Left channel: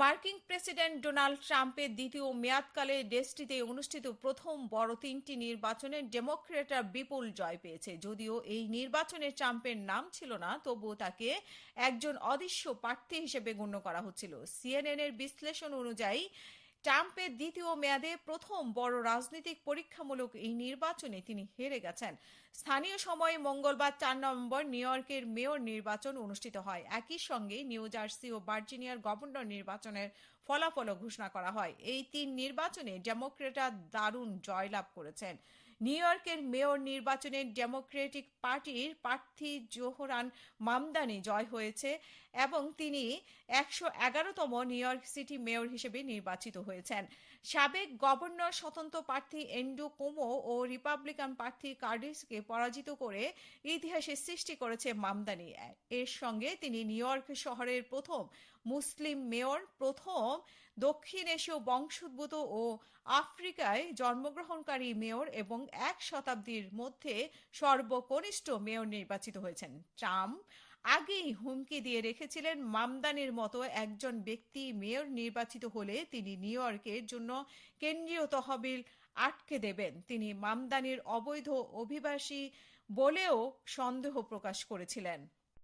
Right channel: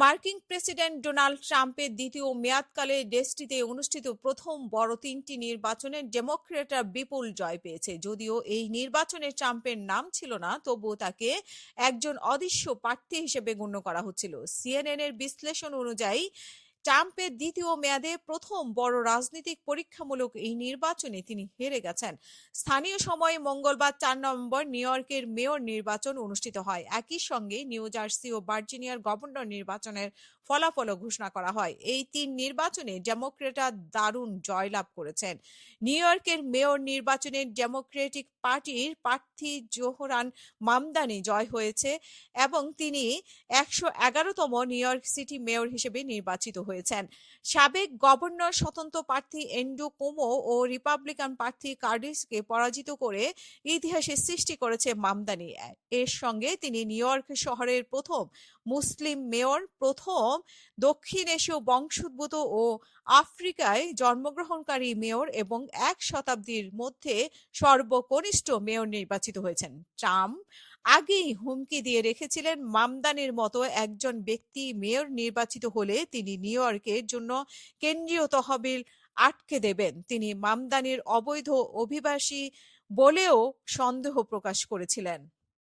মার্কিন president Donald ট্রাম্পের দ্বিতীয় মেয়াদকালে দেশটিতে অনুষ্ঠিত প্রথম বড় তিনটি নির্বাচনে ডেমোক্র্যাটরা বিপুল জয় পেয়েছে। যদিও এই নির্বাচনে ট্রাম্পের নাম ছিল না, তবুও তাকে একজন অদৃশ্য প্রার্থী হিসেবে গণ্য করা হচ্ছিল। সিএনএন এর বিশ্লেষণ অনুযায়ী ট্রাম্পের দ্বিতীয় মেয়াদে প্রথম বড় রাজনৈতিক পরীক্ষামূলক এই নির্বাচনে তিনি হেরে গেছেন। স্থানীয় সময়ে মঙ্গলবার 4 নভেম্বর নিউ ইয়র্কের মেয়র নির্বাচন অনুষ্ঠিত হয়। একই সঙ্গে নিউ জার্সি ও ভার্জিনিয়ার গভর্নর নির্বাচনের ফলাফলও ঘোষণা করা হয়। এই তিন নির্বাচনে ডেমোক্রেটরা দারুণ জয়লাভ করেছেন। নিউ ইয়র্কের মেয়র নির্বাচনে ডেমোক্রেটিক পার্টির প্রার্থী জোহরান মামদানি জয় হয়েছে এবং তিনি 111তম নিউ ইয়র্ক সিটি মেয়র হিসেবে নির্বাচিত হয়েছেন। সাবেক গভর্নর স্বতন্ত্র প্রার্থী এন্ড্রু কুমো ও রিপাবলিকান প্রার্থী কার্ডিসকে পরাজিত করে ইতিহাসের সৃষ্টি করেছে মামদানি। এর সঙ্গে তিনি নিউ ইয়র্ক শহরের প্রথম মুসলিম মেয়র, প্রথম দক্ষিণ এশীয় বংশোদ্ভূত ও আফ্রিকায় জন্মগ্রহণকারী মেয়র এবং এক শতাব্দীর মধ্যে সর্বকনিষ্ঠ মেয়র নির্বাচিত হয়েছেন। ট্রাম্প আগেই হুমকি দিয়ে রেখেছিলেন, মামদানির মতো একজন ব্যক্তি মেয়র নির্বাচিত হলে তিনি নিউ ইয়র্কের জন্য কেন্দ্রীয় তহবিল আটকে দেবেন। তিনি মামদানির অবৈধ অভিবাসী বলেও সন্দেহ প্রকাশ করেছিলেন।